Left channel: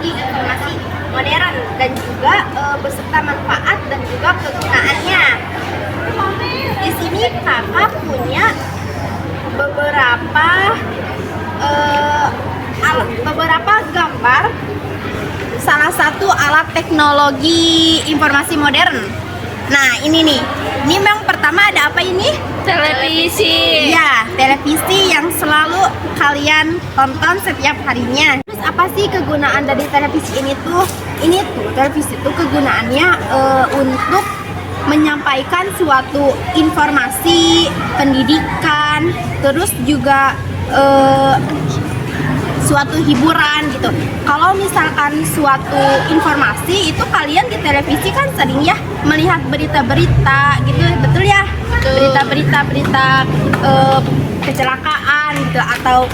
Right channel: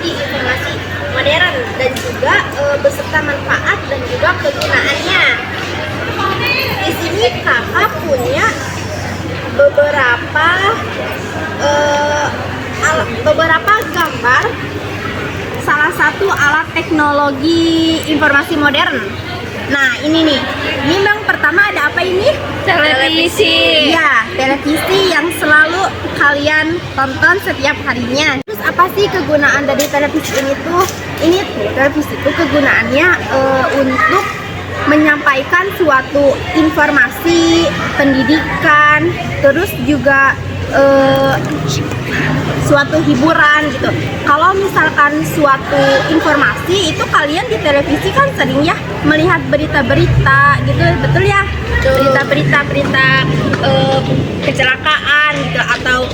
teknologi informasi modern dan juga beserta manfaat dan juga kegunaannya. Di sini kakak punya beberapa gambar salah satu alat teknologi informasi modern. Nah ini nih, ini yang pertama ada apa ini? Televisi. Ya, televisi yang selalu kalian tonton setiap harinya. Terus apa sih kegunaan dari televisi ini tuh? Ini tuh televisi itu kegunaannya untuk menyampaikan suatu informasi, pendidikan, terus juga suatu hiburan gitu. Kalau misalkan suatu informasi itu kalian di televisi kan sering ya melihat berita-berita gitu, betul ya? Berita-berita kecelakaan gitu atau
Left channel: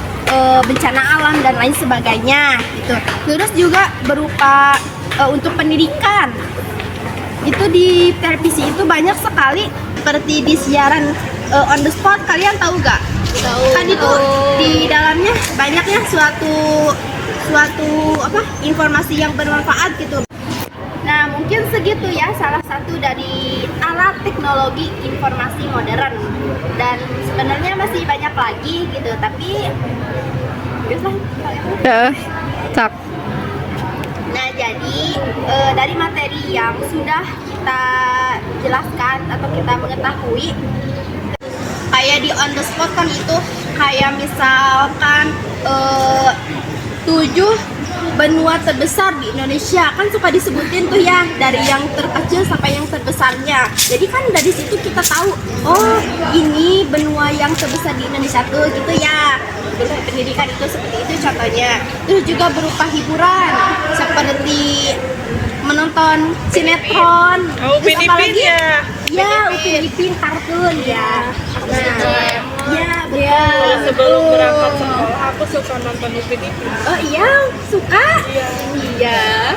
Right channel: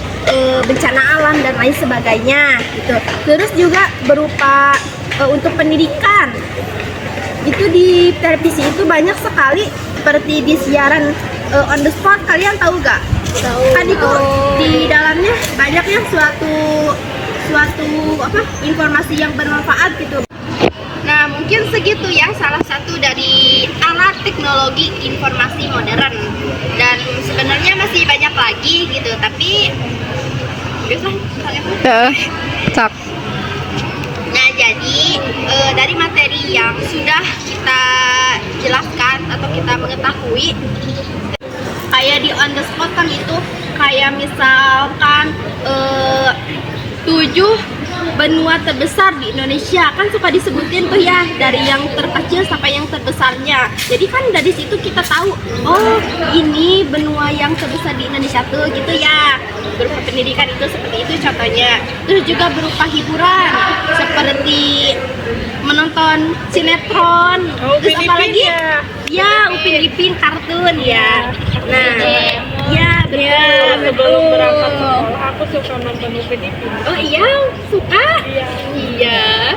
bencana alam dan lain sebagainya gitu. Terus juga berupa untuk pendidikan. Itu di televisi itu banyak sekali seperti di siaran on the spot, kalian tahu gak? Tadi tuh di dalamnya banyaknya suatu informasi yang bermanfaat gitu. Nah mungkin segitu ya salah satu dari alat teknologi informasi modern, dan sebenarnya masih banyak lagi gitu, tapi Cak. nah jadi dari materi yang sudah kita jelaskan atau kita mengetahui, kayak di on the spot kan itu kayak misalkan 7 benua terbesar di Indonesia kan suka disebutin tuh ya, dari yang terkecil sampai yang terbesarnya. Jadi kan dari situ kita tahu, oh ini benua yang terbesar di Indonesia tuh gitu ya. Berupa pendidikan itu seperti itu contohnya. Terus juga berupa hiburan seperti menonton sinetron. Terus apalagi? Ya, Upin Ipin kartun ya. Nah, ya betul. Ya, sebelum berangkat betul. sekolah aku suka nonton Upin Ipin. Oh iya, suka? Iya.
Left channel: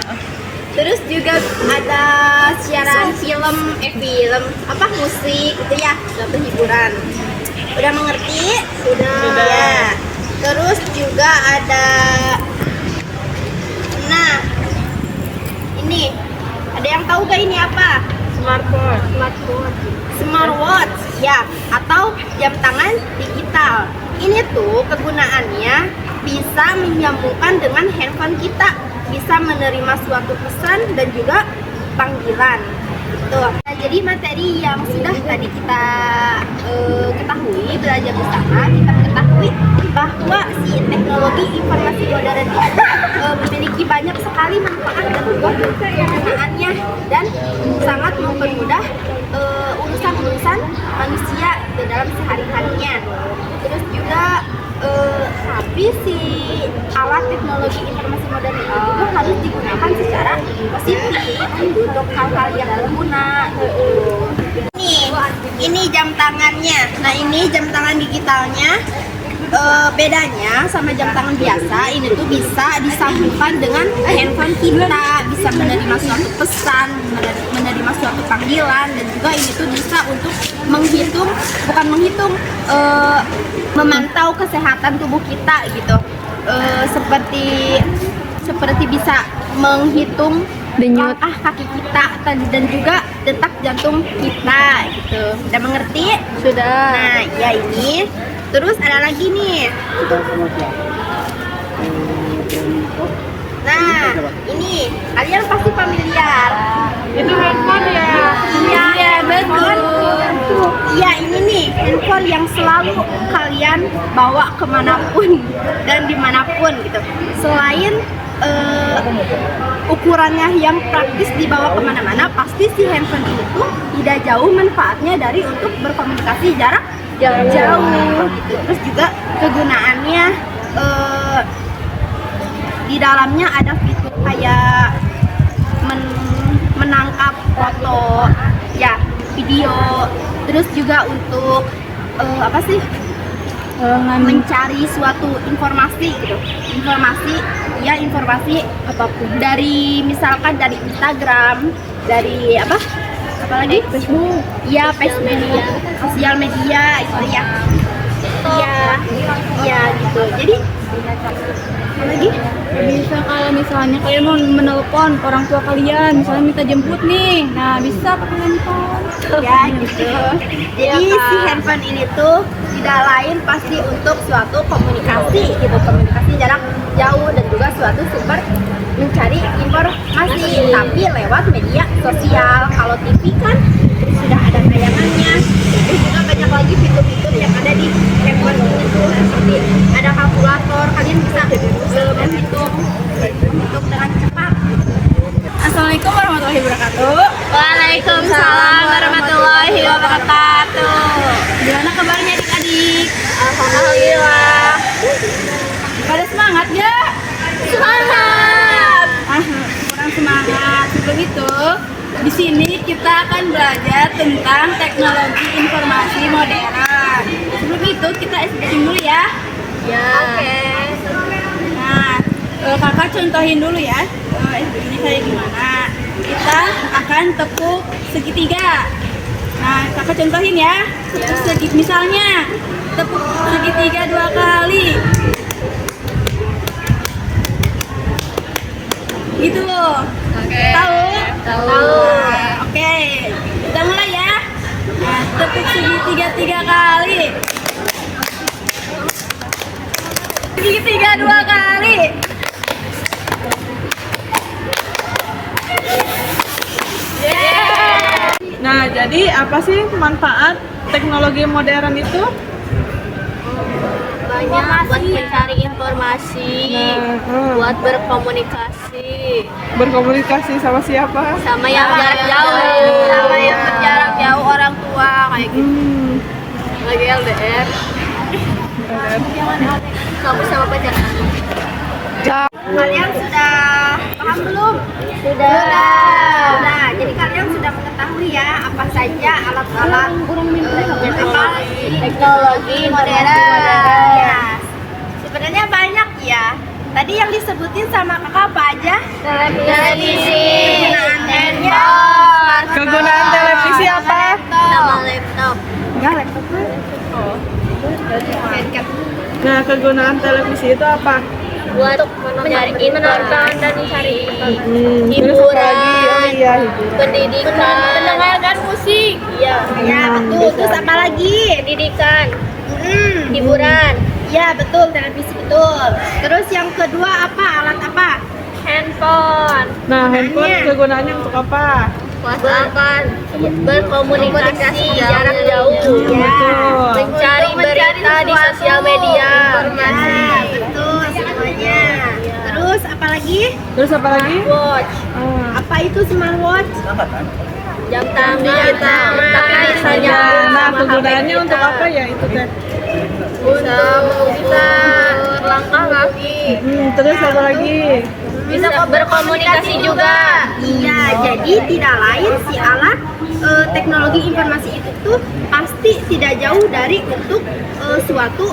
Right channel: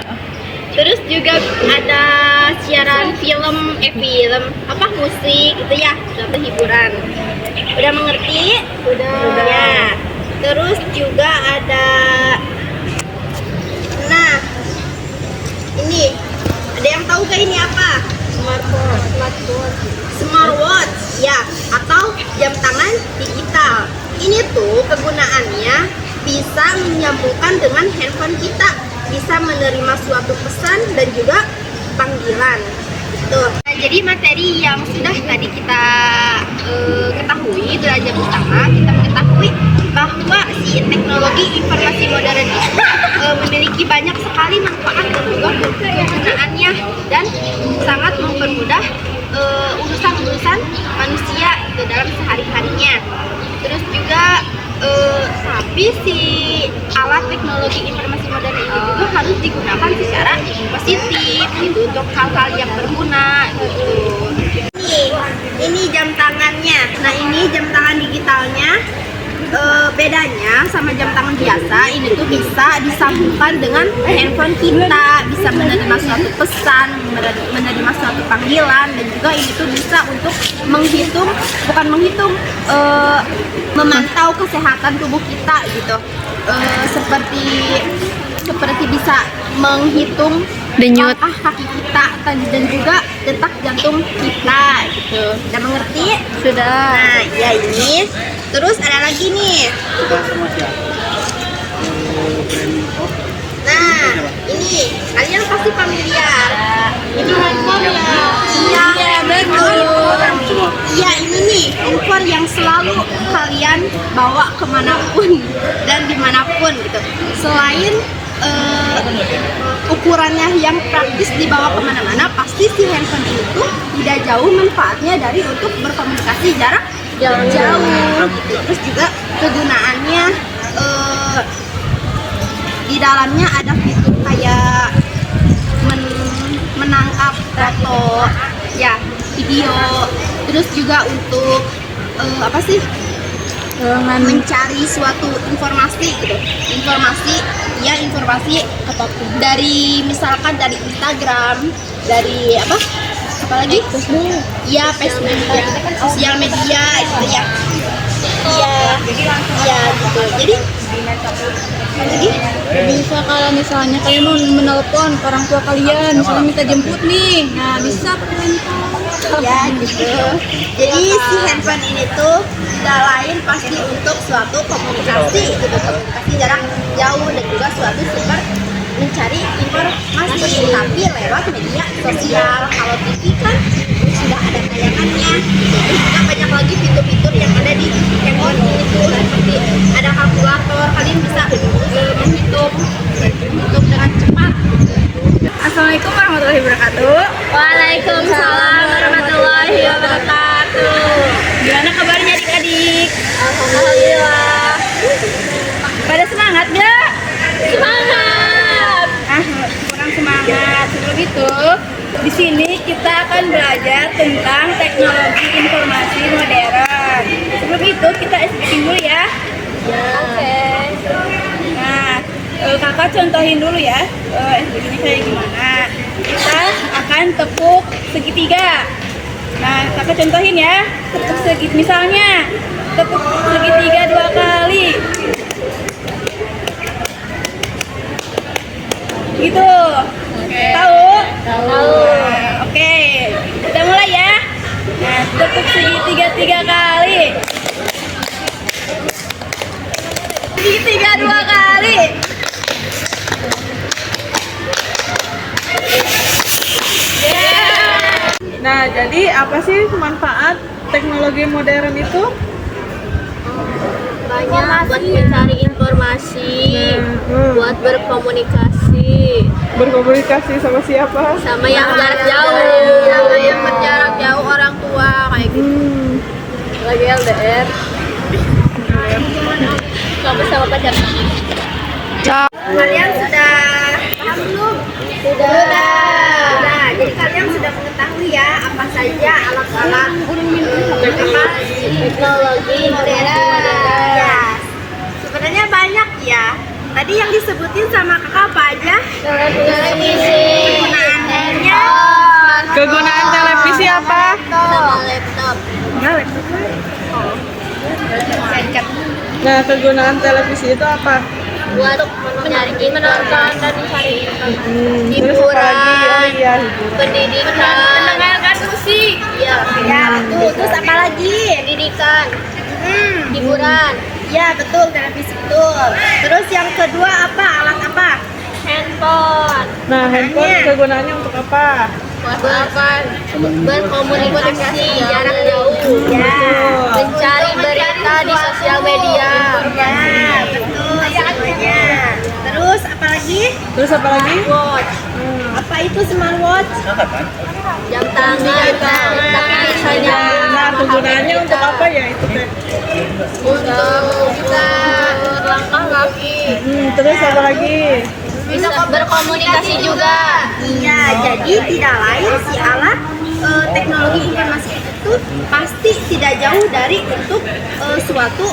Terus juga ada siaran film apa musik gitu ya, suatu hiburan. Udah mengerti? Sudah. Ya. Terus juga ada, nah ini ada yang tahu gak ini apa? Smartwatch ya, atau jam tangan digital. Ini tuh kegunaannya bisa menyambungkan dengan handphone kita, bisa menerima suatu pesan dan juga panggilan. Tuh. Nah, jadi materi yang sudah tadi kita ketahui, belajar bersama, kita mengetahui bahwa si teknologi informasi modern itu memiliki banyak sekali manfaat dan juga kegunaannya, dan sangat mempermudah urusan-urusan manusia itu dalam sehari-harinya. Terus juga tapi si alat teknologi informasi modern itu juga harus digunakan secara positif gitu, untuk hal-hal yang berguna gitu. Ini jam tangannya. Nah ini jam tangan digitalnya. Bedanya sama jam tangan biasa, ini tuh bisa disambungkan dengan handphone kita, bisa menerima suatu pesan, menerima suatu panggilan, dan juga ini tuh bisa untuk memantau kesehatan tubuh kita gitu, seperti bisa menghitung Denyut. langkah kaki kita dan juga detak jantung kita gitu. Udah mengerti? Sudah. Nah ya ini. Terus ada lagi nih. Nah, ini kalian pasti familiar. Itu handphone ya? Iya, betul. Iya, ini nih handphone yang selalu kalian bawa kemanapun dan dimanapun gitu. Selain ukurannya yang praktis dibawa kemana-mana, pasti si handphone ini tuh tidak jauh manfaatnya dari untuk berkomunikasi jarak jauh gitu. Terus juga kegunaannya di dalamnya ada fitur kayak menangkap foto ya, video, terus juga untuk mencari suatu informasi gitu, informasi apapun, dari misalkan dari Instagram, dari apalagi Facebook ya, Facebook, sosial media gitu ya. Iya gitu. Jadi apa lagi? Bisa kalau misalnya kalian mau menelpon orang tua kalian, misalnya minta jemput nih, nah bisa pakai handphone. Ya gitu. Jadi si handphone ini tuh tidak lain pasti untuk suatu komunikasi gitu, komunikasi jarak jauh dan juga suatu sumber mencari informasi tapi lewat media sosial. Kalau TV kan sudah ada tayangannya, terus juga banyak lagi fitur-fitur yang ada di handphone itu seperti ada kalkulator, kalian bisa menghitung dengan cepat. Assalamualaikum warahmatullahi wabarakatuh. Waalaikumsalam warahmatullahi wabarakatuh. Gimana kabarnya adik-adik? Alhamdulillah. Pada semangat nggak? Semangat. Kurang semangat. Sebelum itu, di sini kita akan belajar tentang teknologi informasi modern. Sebelum itu kita SPK dulu ya. Ya. Oke. Nah, kakak contohin dulu ya SPG-nya kayak gimana. Kita akan tepuk segitiga. Nah, kakak contohin ya. Tepuk segitiga, misalnya tepuk segitiga 2 kali. Gitu. Tahu? Tahu. Nah, oke. Kita mulai ya. Nah, tepuk segitiga 3 kali. Segitiga 2 kali. Nah, jadi apa sih manfaat teknologi modern itu? Banyak buat mencari informasi, buat berkomunikasi Berkomunikasi sama siapa? sama yang jarak jauh, sama yang berjarak jauh orang tua kayak gitu. Lagi LDR. Kamu sama pacar kamu. Kalian sudah paham belum? Sudah. Jadi kalian sudah mengetahui ya apa saja alat-alat teknologi modern. Sebenarnya banyak ya. Tadi yang disebutin sama kakak apa aja? Televisi, kegunaannya, Kegunaan televisi apa? sama laptop. Nah, laptopnya. Nah, kegunaan televisi itu apa? Buat menonton dan mencari informasi, Terus apa lagi? Oh iya, hiburan. pendidikan, mendengarkan musik, ya betul. Terus apa lagi? Pendidikan, hiburan, ya betul, televisi betul. Terus yang kedua apa? Alat apa? Handphone. Nah, handphone kegunaannya untuk apa? Berkomunikasi jarak jauh, ya. Mencari berita di sosial media, informasi. Betul semuanya. Terus apa lagi? Terus apa lagi? Watch. Apa itu smartwatch? Jam tangan, tapi bisa nyambung Nah, sama HP kegunaannya kita. untuk apa ya itu teh? Untuk mengukur langkah kaki. Terus apa lagi? Bisa berkomunikasi juga. Iya, jadi tidak lain si alat teknologi informasi itu tuh pasti tidak jauh dari untuk suatu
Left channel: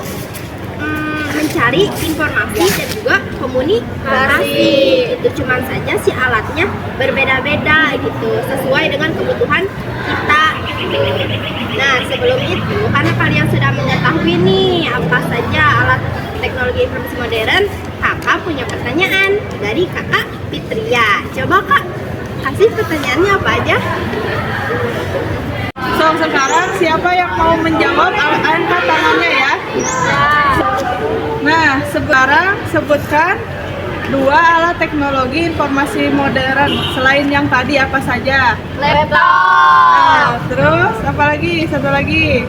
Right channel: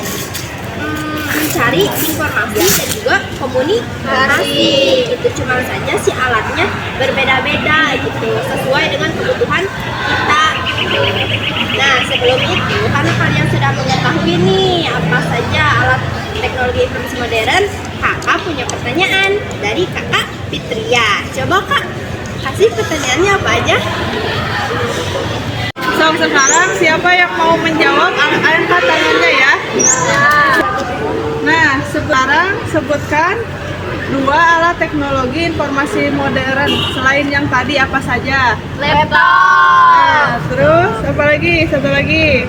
mencari informasi dan juga komunikasi. Itu cuma saja si alatnya berbeda-beda gitu sesuai dengan kebutuhan kita. Nah, sebelum itu kan kalian sudah mengetahui nih apa saja alat teknologi informasi modern. Kakak punya pertanyaan dari kakak Fitria. Coba kak kasih pertanyaannya apa aja? So, sekarang siapa yang mau menjawab? Angkat tangannya ya. Nah, sekarang sebutkan 2 alat teknologi informasi modern selain yang tadi apa saja? Laptop. Nah, terus apa lagi? Satu lagi.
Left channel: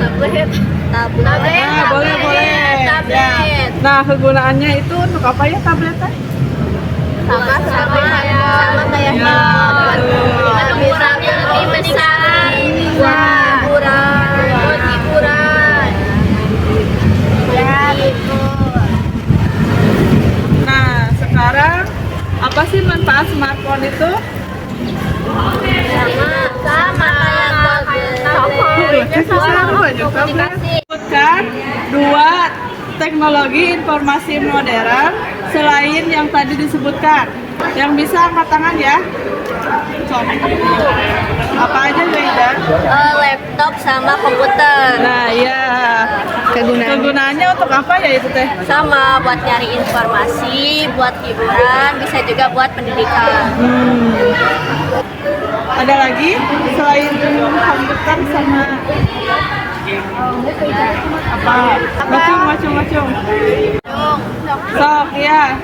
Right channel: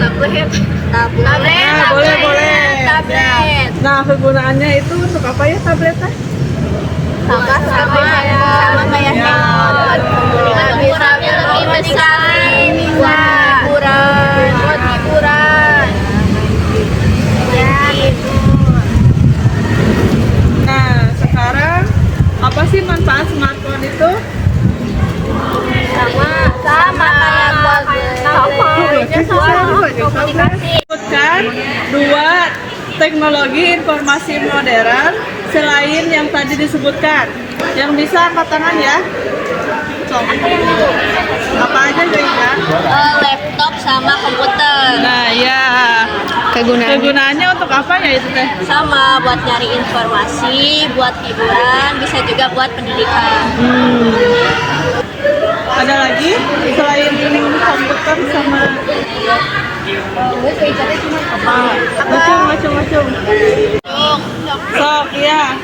Tablet. Nah, boleh. Ya. Nah, kegunaannya itu untuk apa ya tabletnya? Sama seperti handphone. Ya, betul. Cuman ukurannya lebih besar. Buat hiburan. Ya, betul. Nah, sekarang apa sih manfaat smartphone itu? Sama kayak tablet. Komunikasi. Sebutkan 2 teknologi informasi modern selain yang tadi disebutkan. Yang bisa angkat tangan ya. Apa aja Zaiba? Laptop sama komputer. Nah, iya. Kegunaannya untuk apa ya itu teh? Sama buat nyari informasi, buat hiburan, bisa juga buat pendidikan. Ada lagi selain komputer sama apa? Ngacung. Sok ya.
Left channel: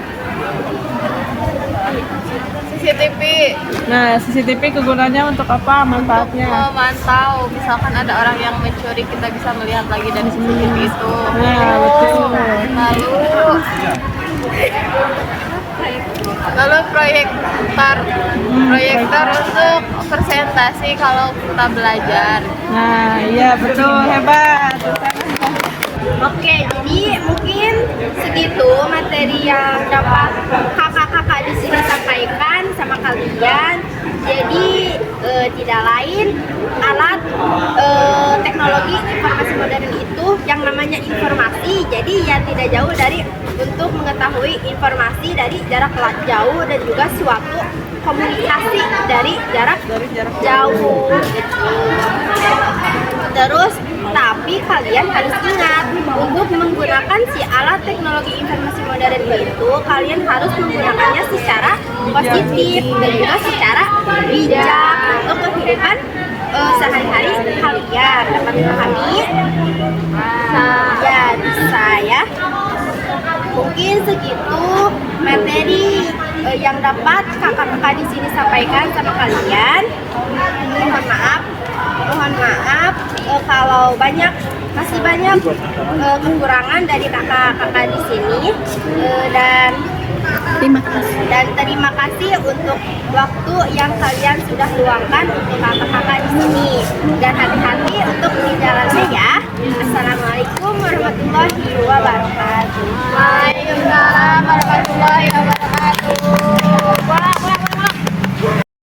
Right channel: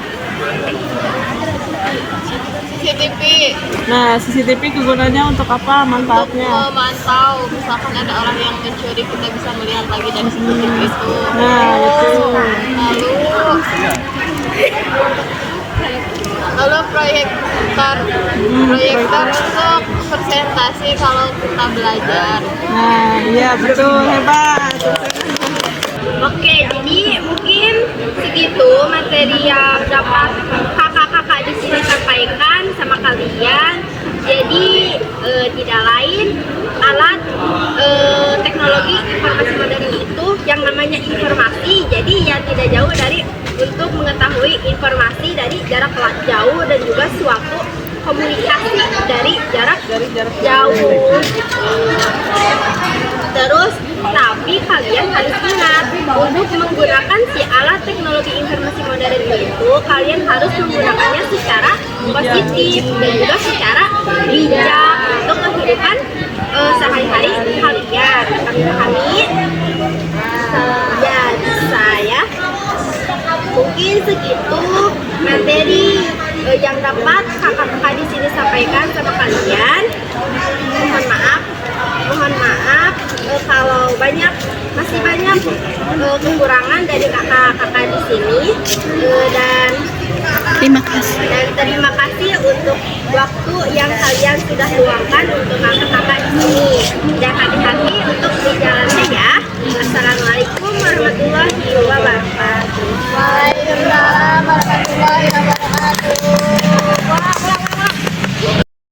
CCTV Nah, CCTV kegunaannya untuk apa? Manfaatnya? memantau, misalkan ada orang yang mencuri, kita bisa melihat lagi dari CCTV itu. Nah, betul. Lalu proyektor untuk presentasi kalau kita belajar. Nah, iya betul, hebat. Oke, jadi mungkin segitu materi yang dapat kakak-kakak di sini sampaikan sama kalian. Jadi tidak lain alat teknologi informasi modern itu yang namanya informasi. Jadi ya tidak jauh dari untuk mengetahui informasi dari jarak jauh dan juga suatu komunikasi dari jarak jauh. Terus tapi kalian harus ingat untuk menggunakan si alat teknologi informasi modern itu kalian harus menggunakannya secara positif dan juga secara bijak untuk kehidupan sehari-hari kalian. Kami ya bisa ya. Mungkin segitu materi yang dapat kakak-kakak di sini sampaikan sama kalian. Mohon maaf kalau masih banyak kekurangan dari kakak-kakak di sini dan terima kasih untuk waktu yang kalian sudah luangkan untuk kakak-kakak di sini dan hati-hati untuk di jalannya ya. Assalamualaikum warahmatullahi wabarakatuh. Waalaikumsalam warahmatullahi